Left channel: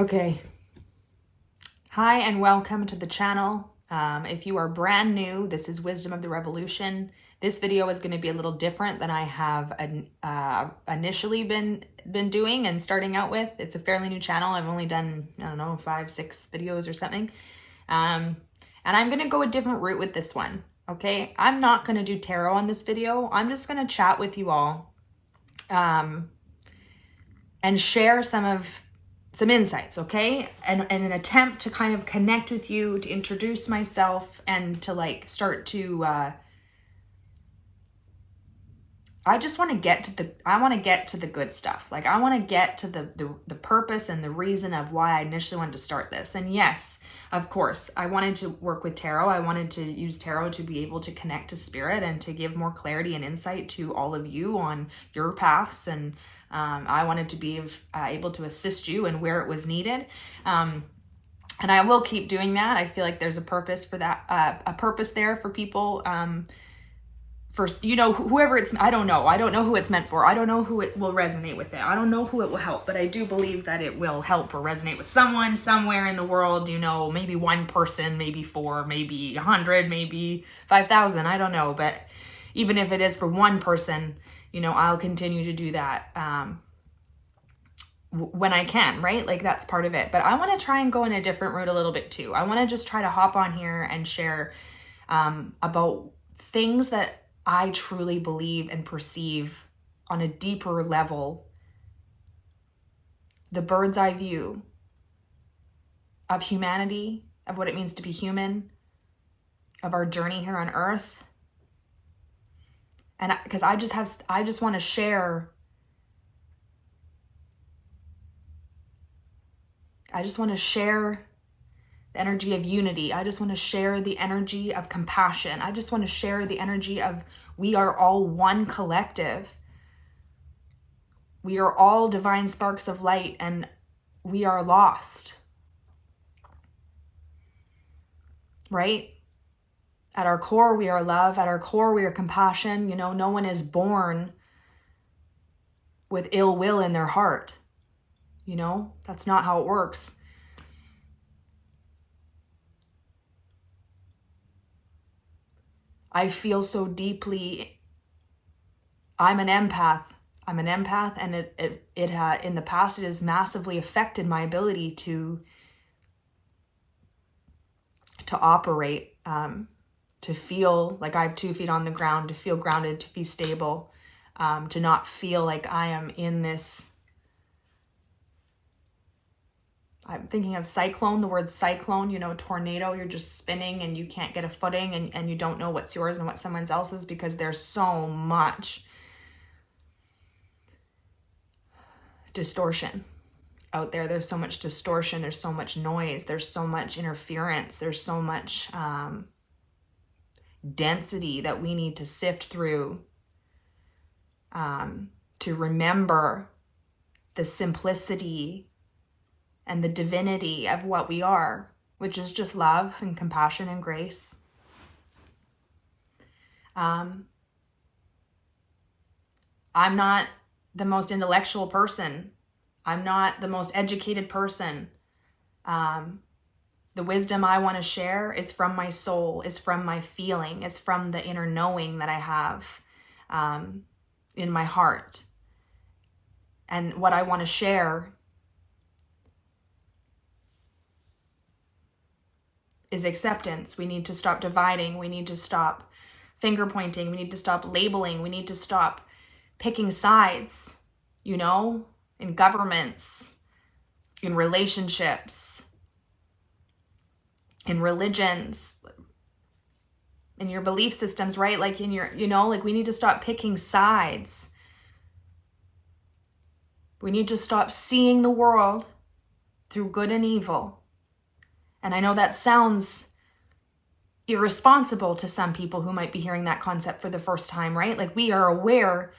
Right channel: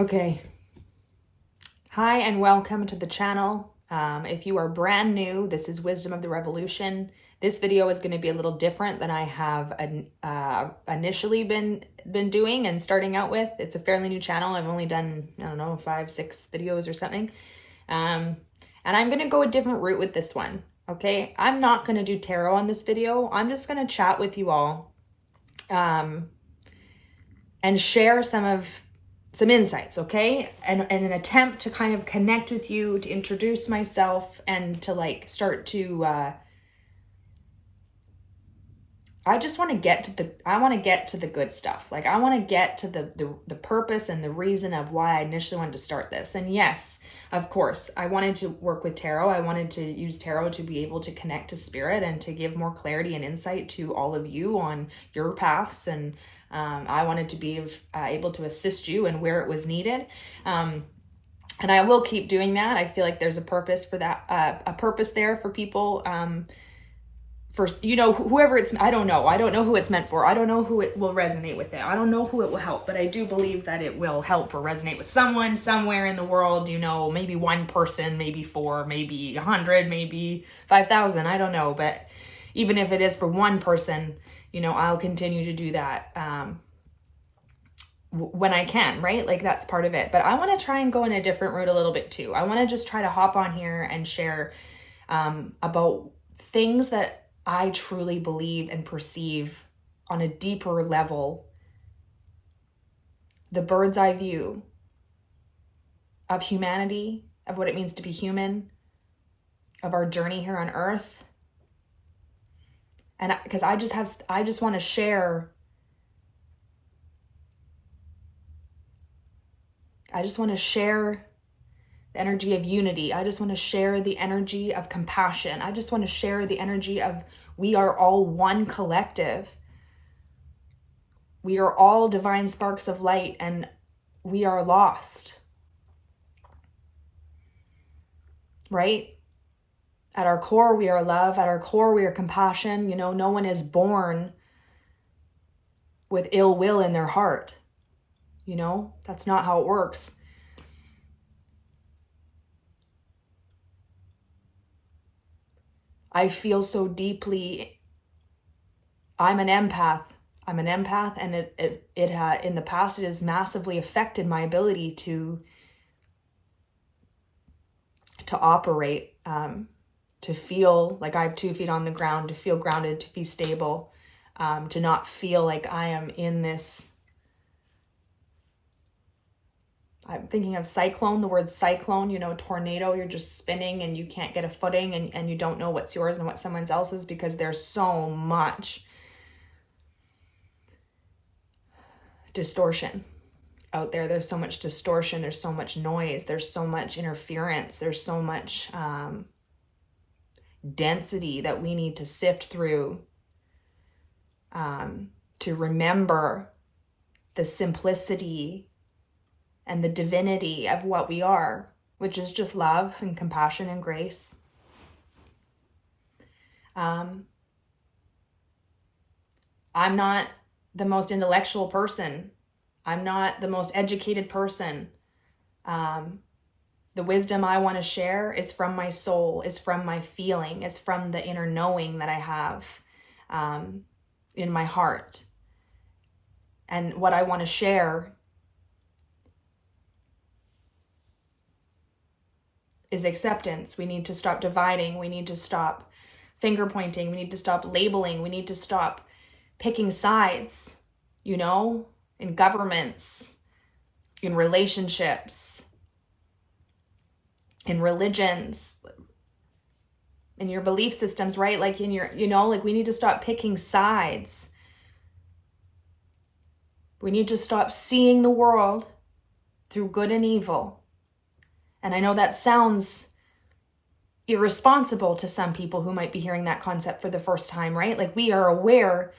Okay. Hi and welcome to the channel. If you are brand new, this is Wisdom of the Revolution. This video is going to be a little different than I have initially been doing and starting out with. It's a fairly new channel. I've only done, I don't know, 5-6 videos or something. And I'm going to go a different route with this one. Okay. I'm not going to do tarot on this video. I'm just going to chat with you all and share some insights, okay? And an attempt to kind of connect with you, to introduce myself, and to start to I just want to get to the good stuff. Like, I want to get to the purpose and the reason of why I initially wanted to start this. And yes, of course, I wanted to work with tarot. I wanted to use tarot to be able to connect to spirit and to give more clarity and insight to all of you on your paths. And I wanted to be able to assist you and where it was needed. And I will keep doing that. I feel like there's a purpose for that, a purpose there for people. First, whoever I don't know who it's meant for. I don't know who it will resonate with it. I don't know who it will help, but I do believe that it will help or resonate with someone somewhere in the world, maybe one person, maybe 4, maybe 100, maybe 5,000. I don't know. But even if it is for one person, I'll continue to do that when I can, right? Like, that's part of it. But I want to try and go in a different route a little bit too. I want to just try to hop on here and share about things that I truly believe and perceive on a deeper level, the bird's eye view of humanity, of what it means to be human, of our journey here on earth. And because I just want to share, the energy of unity. I just want to share the energy of compassion. I just want to share the energy of we are all one collective. We are all divine sparks of light, and we are lost. Right? At our core, we are love. At our core, we are compassion. No one is born with ill will in their heart. That's not how it works. I feel so deeply. I'm an empath, and it in the past, it has massively affected my ability to operate, to feel like I have 2 feet on the ground, to feel grounded, to be stable, to not feel like I am in this. I'm thinking of cyclone, the word cyclone, tornado. You're just spinning and you can't get a footing, and you don't know what's yours and what someone else's, because there's so much distortion out there. There's so much distortion. There's so much noise. There's so much interference. There's so much density that we need to sift through to remember the simplicity and the divinity of what we are, which is just love and compassion and grace. I'm not the most intellectual person. I'm not the most educated person. The wisdom I want to share is from my soul, is from my feeling, is from the inner knowing that I have in my heart. And what I want to share is acceptance. We need to stop dividing. We need to stop finger pointing. We need to stop labeling. We need to stop picking sides, in governments, in relationships, in religions, in your belief systems, right? Like in your, we need to stop picking sides. We need to stop seeing the world through good and evil. And I know that sounds irresponsible to some people who might be hearing that concept for the first time, right? Like, we are aware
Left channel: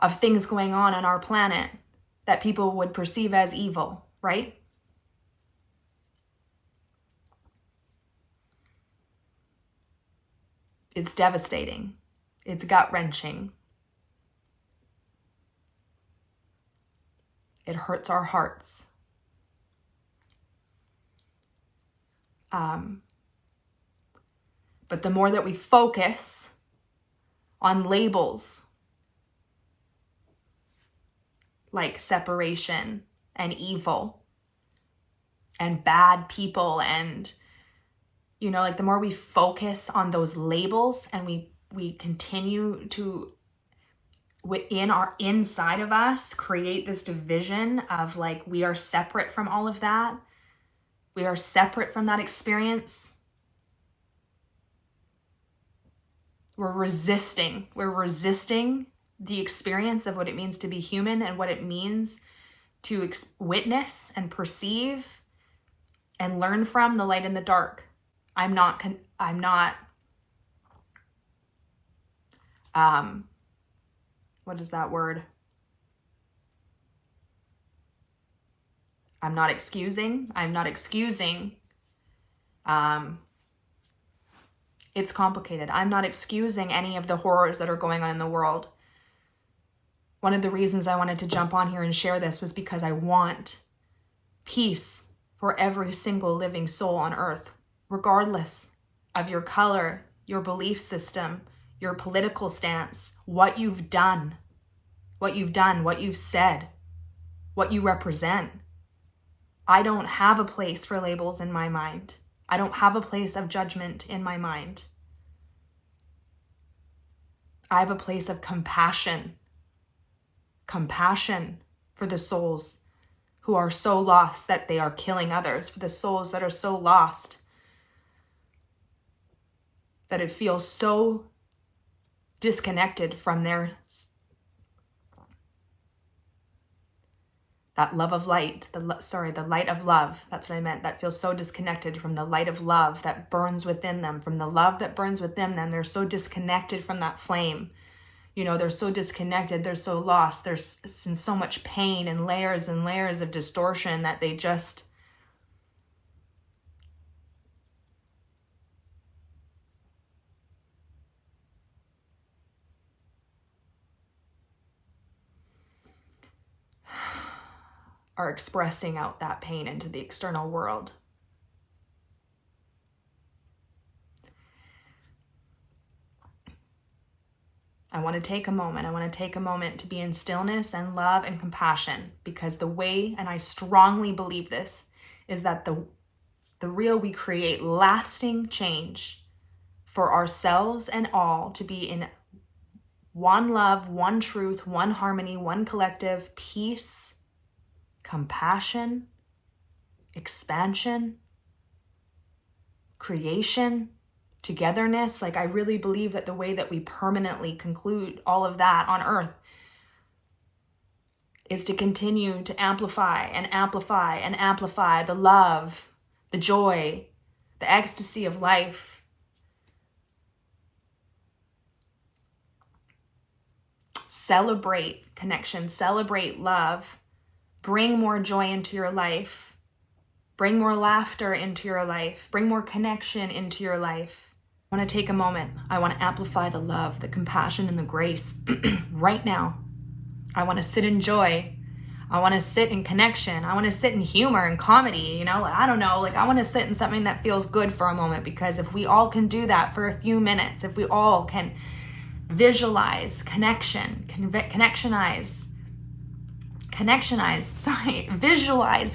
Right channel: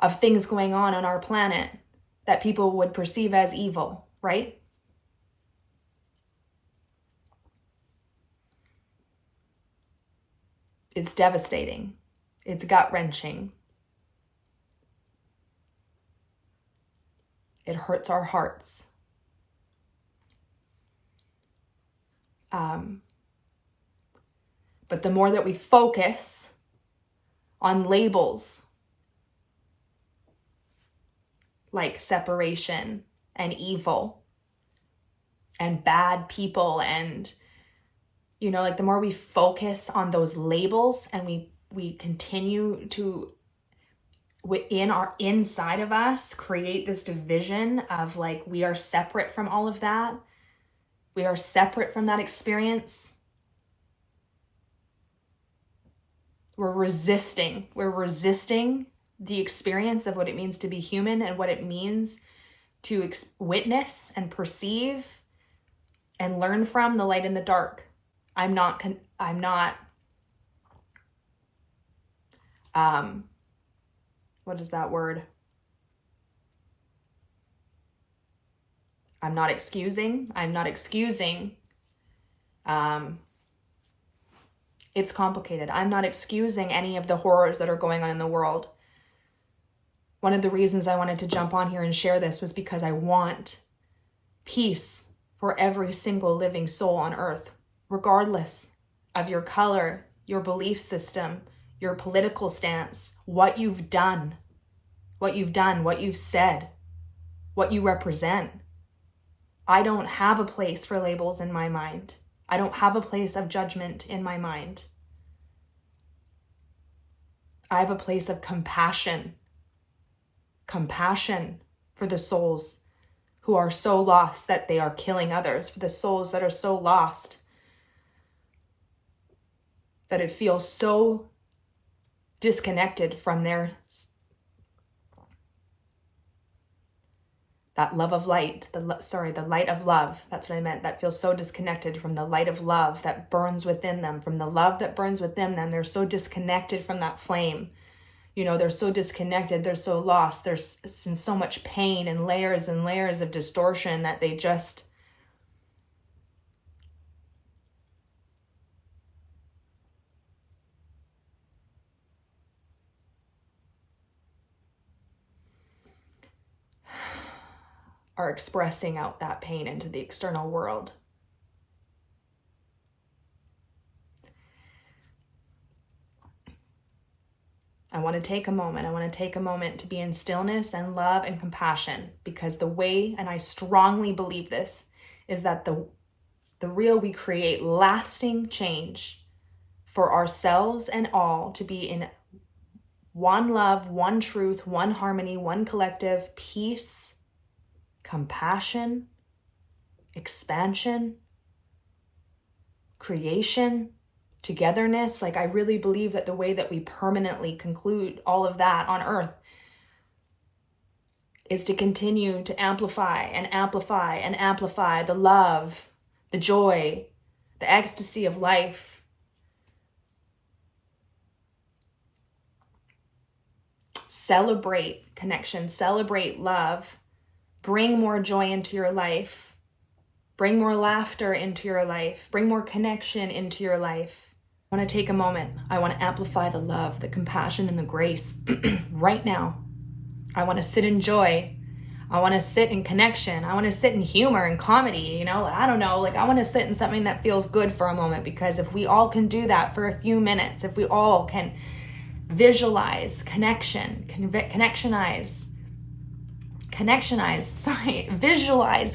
of things going on our planet that people would perceive as evil, right? It's devastating. It's gut-wrenching. It hurts our hearts. But the more that we focus on labels like separation and evil and bad people, and like the more we focus on those labels, and we continue to, within our inside of us, create this division of like, we are separate from all of that. We are separate from that experience. We're resisting the experience of what it means to be human and what it means to witness and perceive and learn from the light and the dark. I'm not what is that word? I'm not excusing. It's complicated. I'm not excusing any of the horrors that are going on in the world. One of the reasons I wanted to jump on here and share this was because I want peace for every single living soul on earth, regardless of your color, your belief system, your political stance, what you've done, what you've said, what you represent. I don't have a place for labels in my mind. I don't have a place of judgment in my mind. I have a place of compassion. Compassion for the souls who are so lost that they are killing others, for the souls that are so lost that it feels so disconnected from that love of light, the light of love. That's what I meant. That feels so disconnected from the light of love that burns within them, from the love that burns within them. They're so disconnected from that flame. They're so disconnected. They're so lost. There's so much pain and layers of distortion that they just are expressing out that pain into the external world. I want to take a moment to be in stillness and love and compassion, because the way, and I strongly believe this, is that the real we create lasting change for ourselves and all to be in one love, one truth, one harmony, one collective, peace, compassion, expansion, creation, togetherness. Like, I really believe that the way that we permanently conclude all of that on earth is to continue to amplify the love, the joy, the ecstasy of life. Celebrate connection, celebrate love, bring more joy into your life, bring more laughter into your life, bring more connection into your life. I want to take a moment. I want to amplify the love, the compassion, and the grace right now. I want to sit in joy. I want to sit in connection. I want to sit in humor and comedy, I don't know, I want to sit in something that feels good for a moment, because if we all can do that for a few minutes, if we all can visualize connection, visualize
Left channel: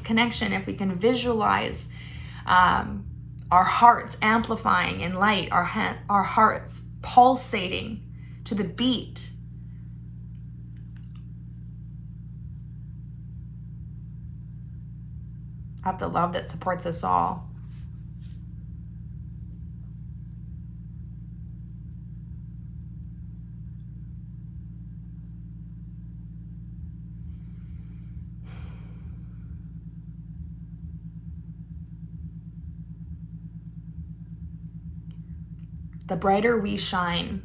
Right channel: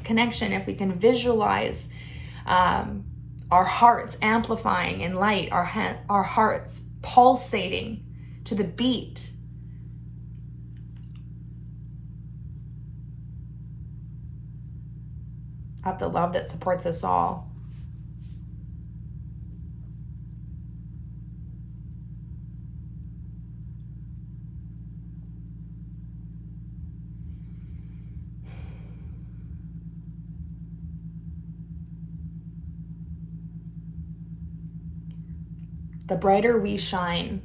connection, if we can visualize our hearts amplifying in light, our hearts pulsating to the beat of the love that supports us all. The brighter we shine,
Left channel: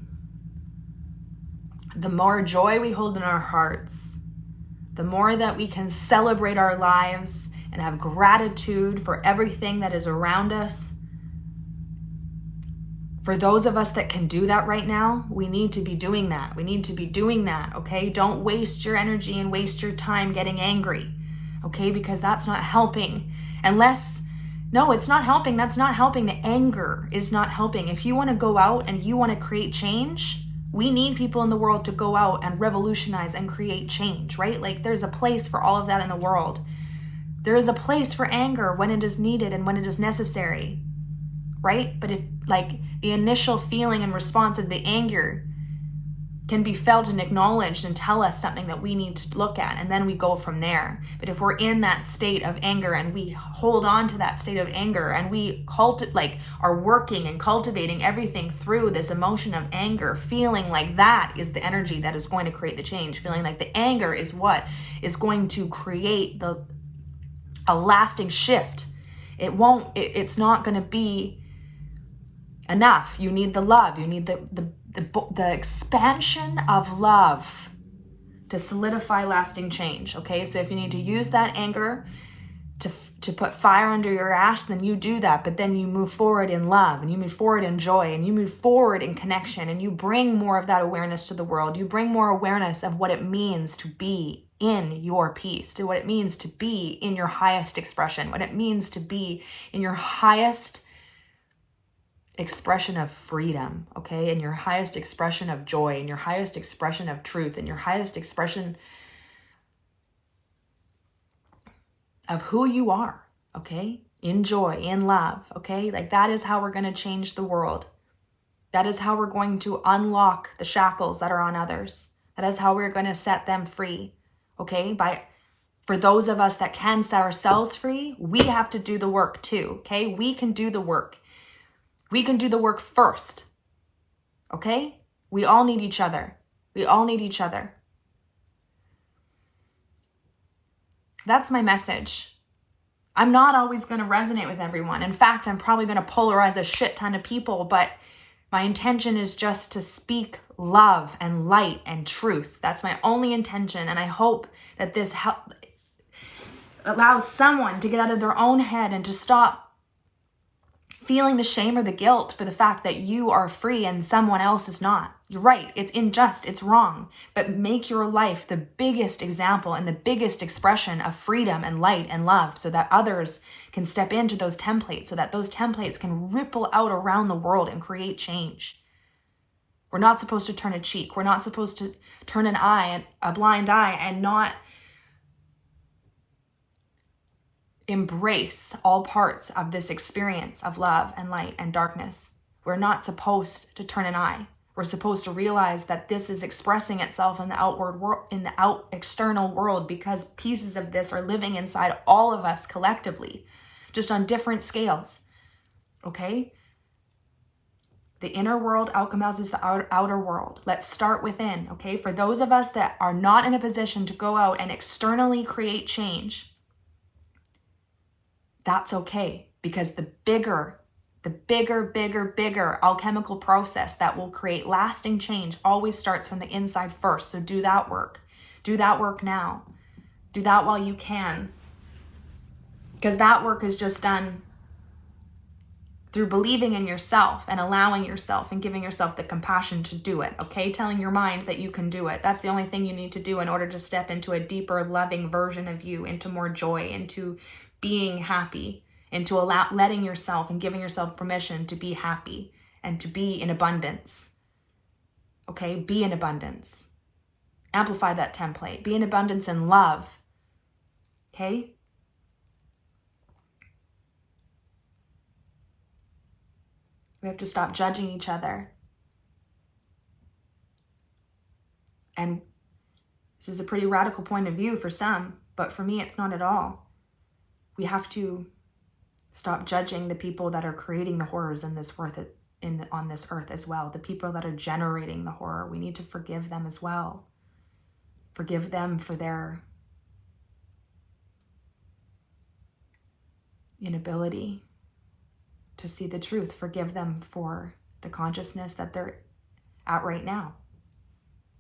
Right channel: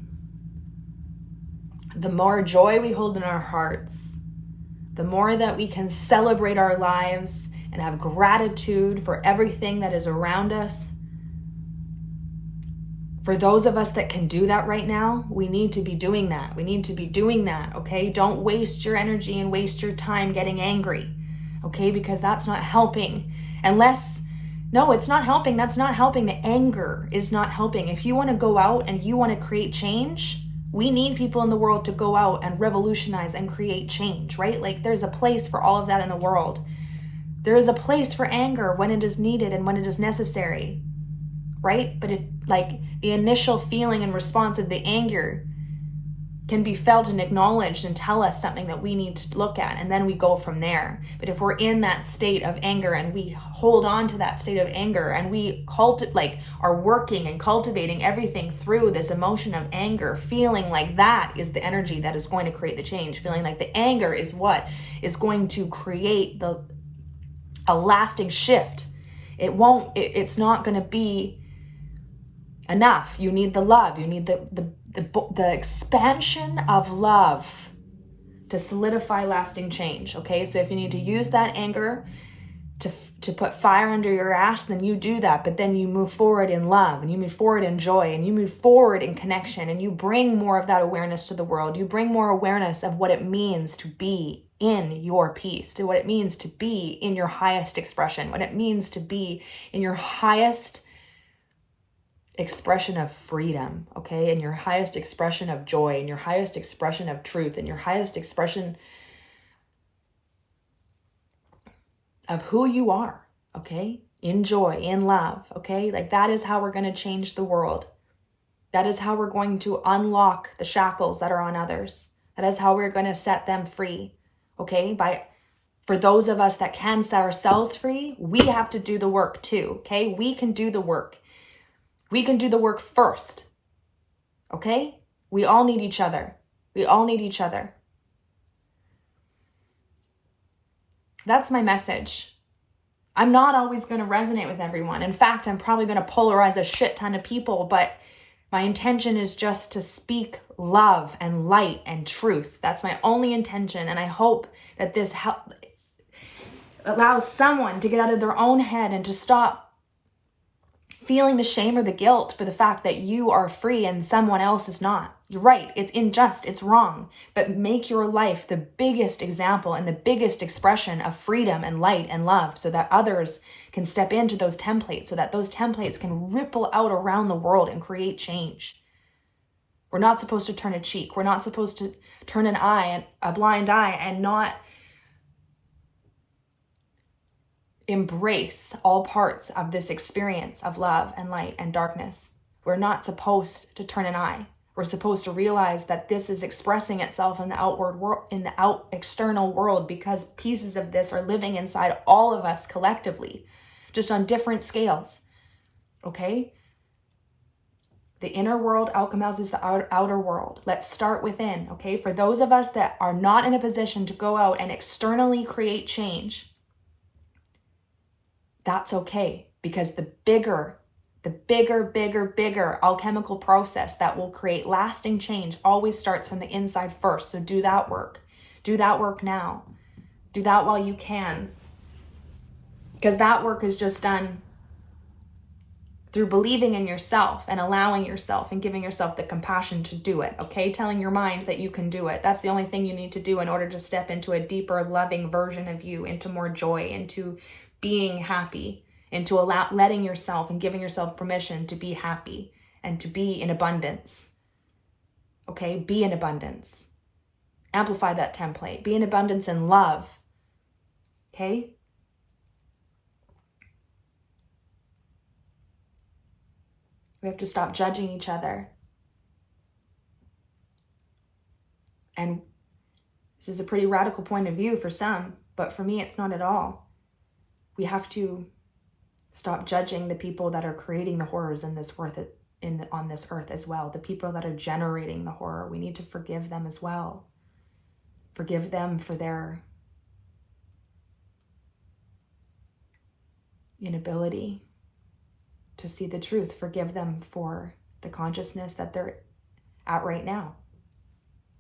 the more joy we hold in our hearts, the more that we can celebrate our lives and have gratitude for everything that is around us. For those of us that can do that right now, we need to be doing that. Okay? Don't waste your energy and waste your time getting angry, okay? Because that's not helping. Unless No, it's not helping. That's not helping. The anger is not helping. If you want to go out and you want to create change, we need people in the world to go out and revolutionize and create change, right? Like there's a place for all of that in the world. There is a place for anger when it is needed and when it is necessary, right? But if like the initial feeling and response of the anger can be felt and acknowledged and tell us something that we need to look at, and then we go from there. But if we're in that state of anger and we hold on to that state of anger and we are working and cultivating everything through this emotion of anger, feeling like that is the energy that is going to create the change, feeling like the anger is what is going to create a lasting shift. It's not going to be enough. You need the love. You need the expansion of love to solidify lasting change. Okay, so if you need to use that anger to put fire under your ass, then you do that. But then you move forward in love, and you move forward in joy, and you move forward in connection, and you bring more of that awareness to the world. You bring more awareness of what it means to be in your peace, to what it means to be in your highest expression, what it means to be in your highest expression of freedom, okay? And your highest expression of joy, and your highest expression of truth, and your highest expression of who you are, okay? In joy, in love, okay? Like that is how we're going to change the world. That is how we're going to unlock the shackles that are on others. That is how we're going to set them free, okay? For those of us that can set ourselves free, we have to do the work too, okay? We can do the work. We can do the work first, okay? We all need each other. We all need each other. That's my message. I'm not always going to resonate with everyone. In fact, I'm probably going to polarize a shit ton of people, but my intention is just to speak love and light and truth. That's my only intention, and I hope that this allows someone to get out of their own head and to stop feeling the shame or the guilt for the fact that you are free and someone else is not. You're right. It's unjust. It's wrong. But make your life the biggest example and the biggest expression of freedom and light and love so that others can step into those templates, so that those templates can ripple out around the world and create change. We're not supposed to turn a cheek. We're not supposed to turn an eye, a blind eye, and not embrace all parts of this experience of love and light and darkness. We're not supposed to turn an eye. We're supposed to realize that this is expressing itself in the outward world, in the external world, because pieces of this are living inside all of us collectively, just on different scales. Okay? The inner world alchemizes the outer world. Let's start within. Okay? For those of us that are not in a position to go out and externally create change, that's okay, because the bigger alchemical process that will create lasting change always starts from the inside first. So do that work. Do that work now. Do that while you can. Because that work is just done through believing in yourself and allowing yourself and giving yourself the compassion to do it, okay? Telling your mind that you can do it. That's the only thing you need to do in order to step into a deeper, loving version of you, into more joy, into being happy, into letting yourself and giving yourself permission to be happy and to be in abundance. Okay? Be in abundance. Amplify that template. Be in abundance and love. Okay? We have to stop judging each other. And this is a pretty radical point of view for some, but for me, it's not at all. We have to stop judging the people that are creating the horrors on this earth as well. The people that are generating the horror. We need to forgive them as well. Forgive them for their inability to see the truth. Forgive them for the consciousness that they're at right now.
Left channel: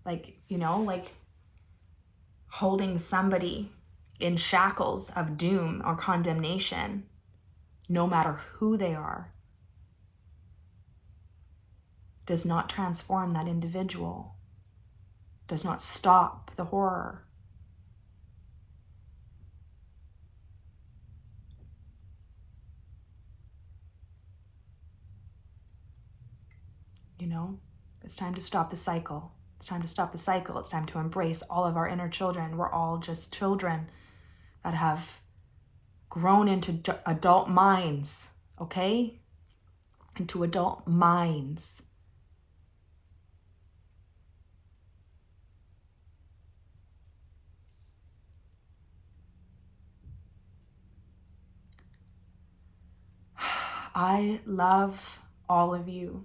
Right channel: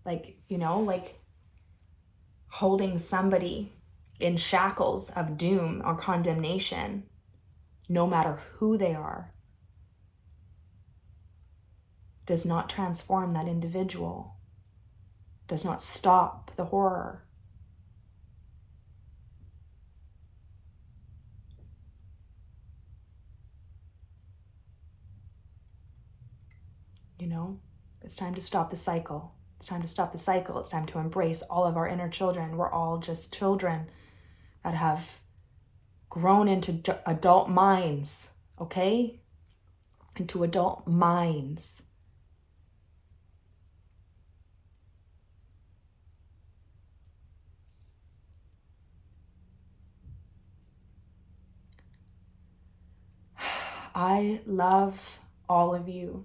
Like holding somebody in shackles of doom or condemnation, no matter who they are, does not transform that individual, does not stop the horror. You know, it's time to stop the cycle. It's time to stop the cycle. It's time to embrace all of our inner children. We're all just children that have grown into adult minds, okay? Into adult minds. I love all of you.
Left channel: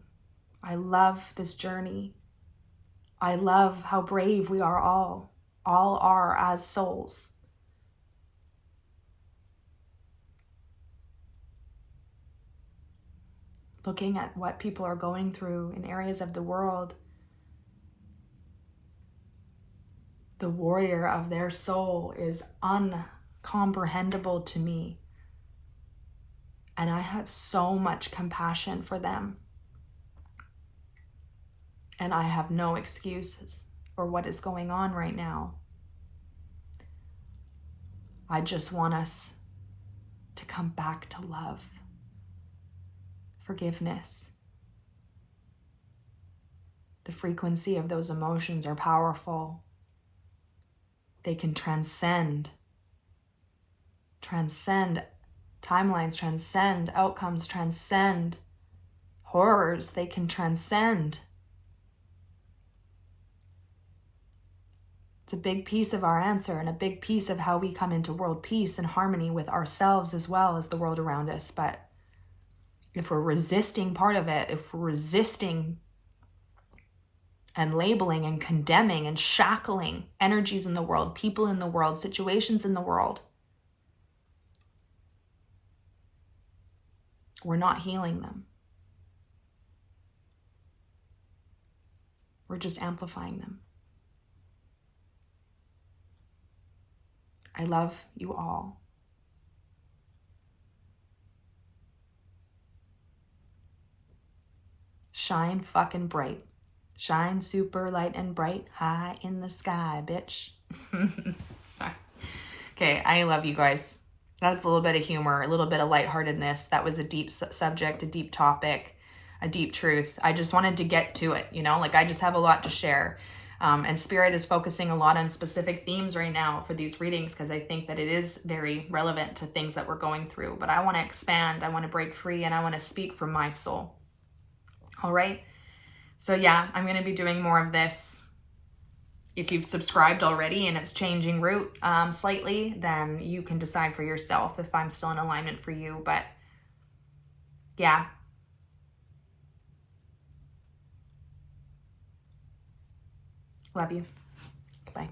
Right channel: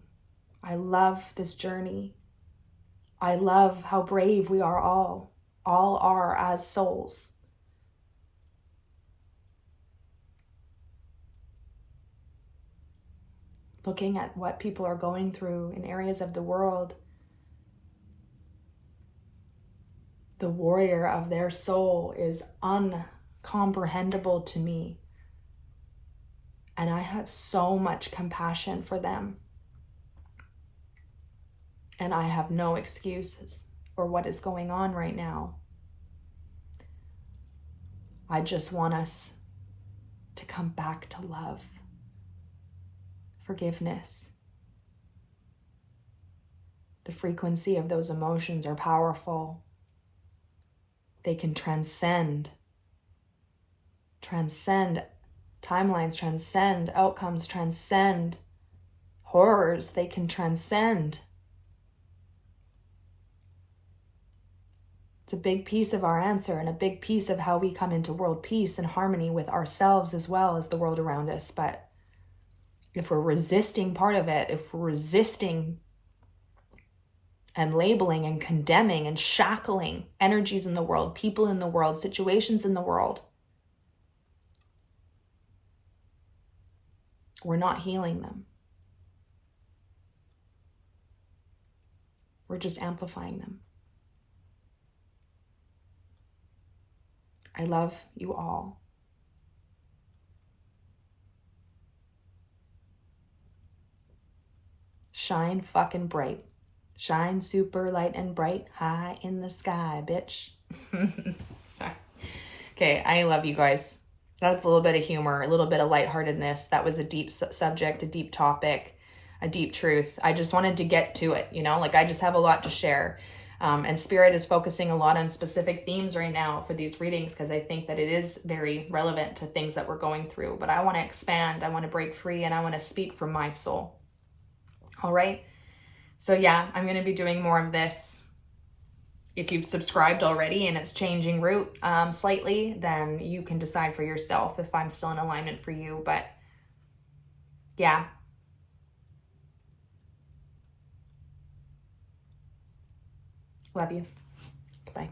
I love this journey. I love how brave we are all are as souls. Looking at what people are going through in areas of the world, the warrior of their soul is uncomprehendable to me. And I have so much compassion for them. And I have no excuses for what is going on right now. I just want us to come back to love, forgiveness. The frequency of those emotions are powerful. They can transcend timelines, transcend outcomes, transcend horrors. They can transcend. It's a big piece of our answer and a big piece of how we come into world peace and harmony with ourselves as well as the world around us. But if we're resisting part of it, if we're resisting and labeling and condemning and shackling energies in the world, people in the world, situations in the world, we're not healing them. We're just amplifying them. I love you all. Shine fucking bright. Shine super light and bright, high in the sky, bitch. Sorry. Okay, I love you guys. That's a little bit of humor, a little bit of lightheartedness. That was a deep subject, a deep topic, a deep truth. I just wanted to get to it, you know, like I just have a lot to share. And Spirit is focusing a lot on specific themes right now for these readings because I think that it is very relevant to things that we're going through. But I want to expand, I want to break free, and I want to speak from my soul. All right. So yeah, I'm going to be doing more of this. If you've subscribed already and it's changing route slightly, then you can decide for yourself if I'm still in alignment for you. But yeah. Love you. Goodbye.